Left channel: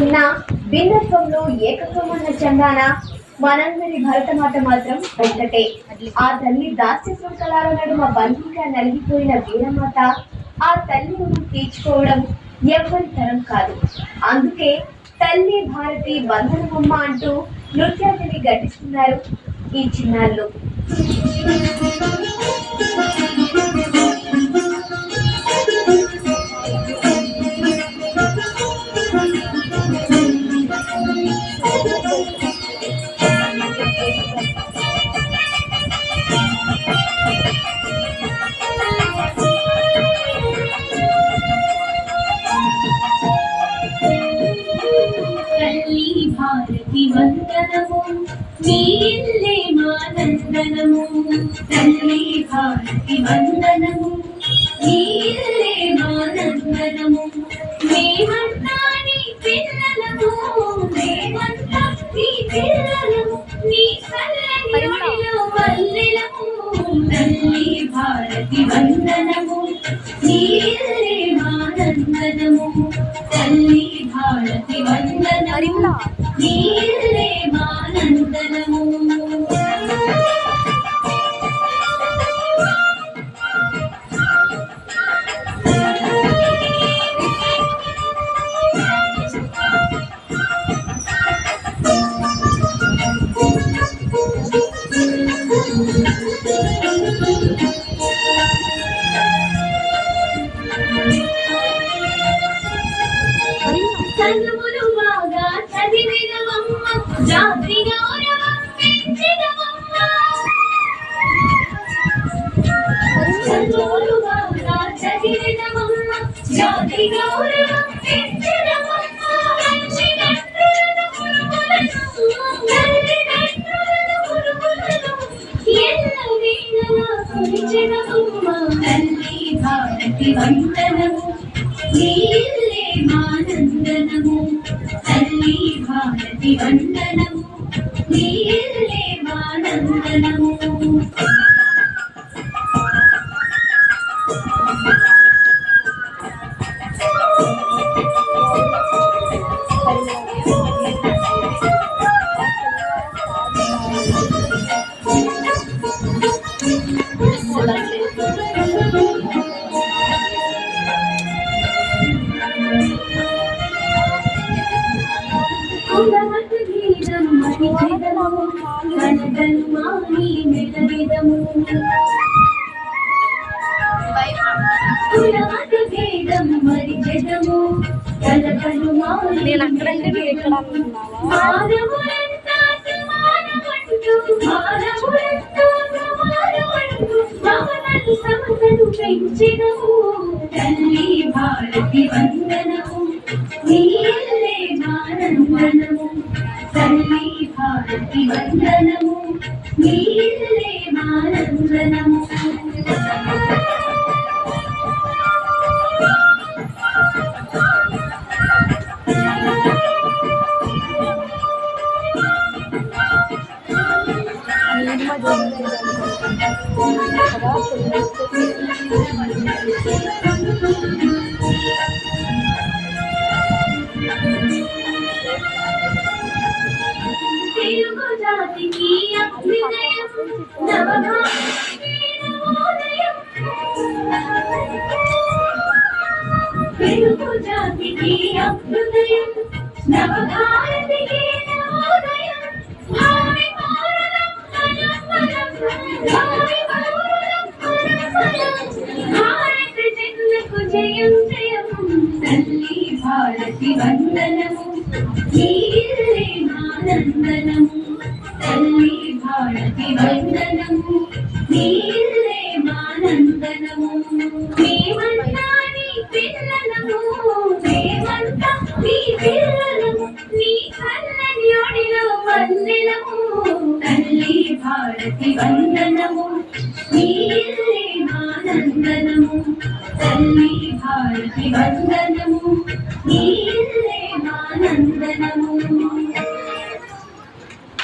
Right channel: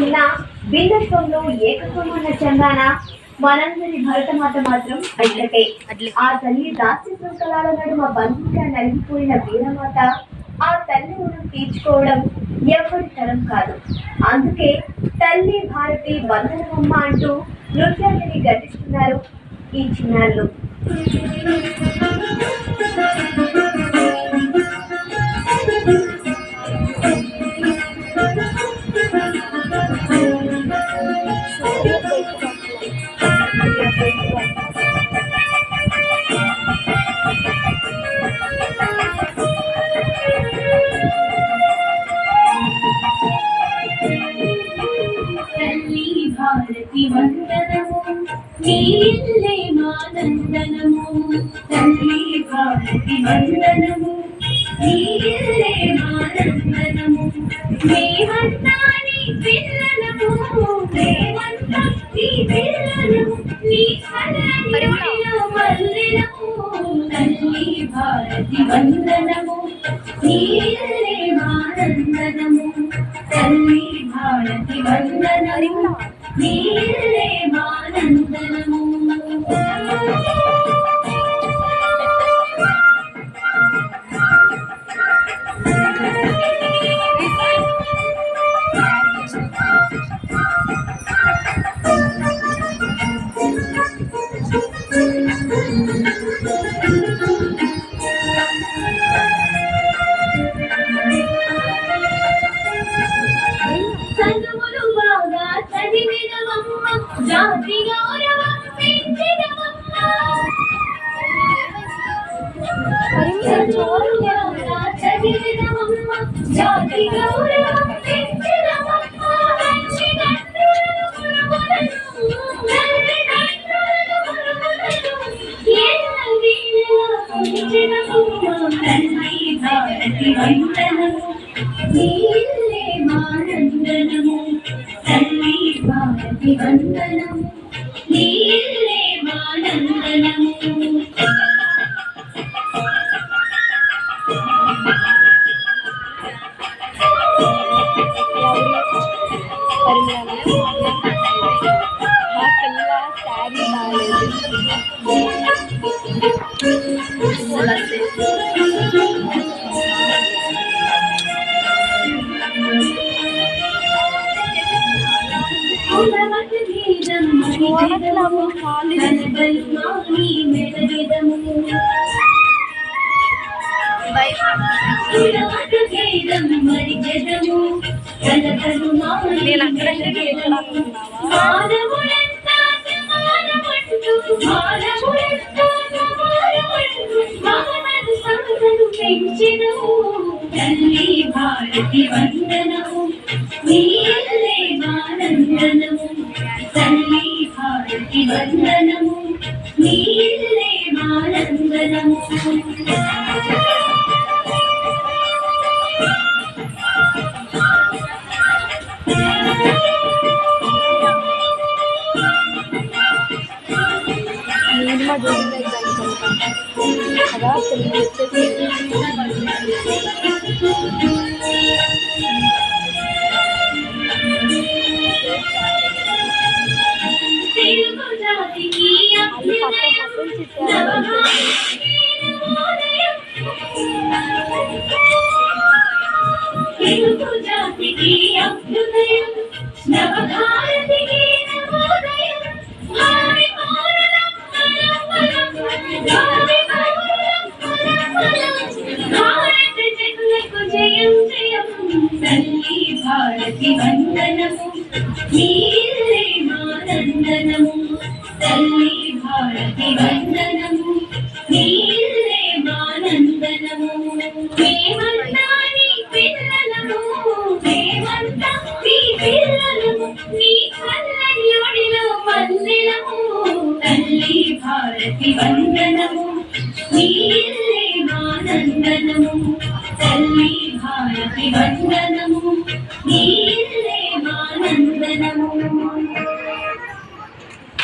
ఉన్న భిన్నత్వంలో ఏకత్వం అన్న చందాన మనందరి భరతమాత మాత్రం ఒక్కటే. ఆ తల్లి దాస్య శృంఖలాల నడుమ బంధీగా నలిగిపోయిన వీరమాత ఆ తల్లి రుణం తీర్చుకోవడం ఎవ్వరి తరం కాదు. అందుకే తల్లి భారతి వందనమమ్మ అంటూ నృత్యాన్ని ఘటిస్తున్నారు ఈ చిన్నాళ్ళు. భారతి వందనము నీలే మానందనము తల్లి భారతి వందనము నీలే మానందనము మేమంతా నీ పిల్లలము మేమంతా నీ పిల్లలము నీ కళ్ళలో మల్లెలము తల్లి భారతి వందనము నీలే మానందనము తల్లి భారతి వందనము నీలే మానందనము. చదువులు బాగా చదివినవమ్మ జాతి గౌరవం పెంచినవమ్మ చదువులు బాగా చదివినవమ్మ జాతి గౌరవం పెంచినవమ్మ తల్లిదండ్రులను ఎల్లవేళలా కొలిచెదవమ్మ తల్లి భారతి వందనము నీలే మానందనము తల్లి భారతి వందనము నీలే మానందనము. తల్లి భారతి వందనము నీలే మానందనము తల్లి భారతి వందనము నీలే మానందనము. తెలుగు జాతికి అభ్యుదయం నవభారతికి నవోదయం తెలుగు జాతికి అభ్యుదయం నవభారతికి నవోదయం భావి పౌరులం మనం భావి పౌరులం మనం భారత జనులకు జయం జయం తల్లి భారతి వందనము నీలే మానందనము తల్లి భారతి వందనము నీలే మానందనము. మేమంతా నీ పిల్లలము మేమంతా నీ పిల్లలము నీ కళ్ళని ఒడిలో మల్లెలము తల్లి భారతి వందనము నీలే మానందనము తల్లి భారతి వందనము నీ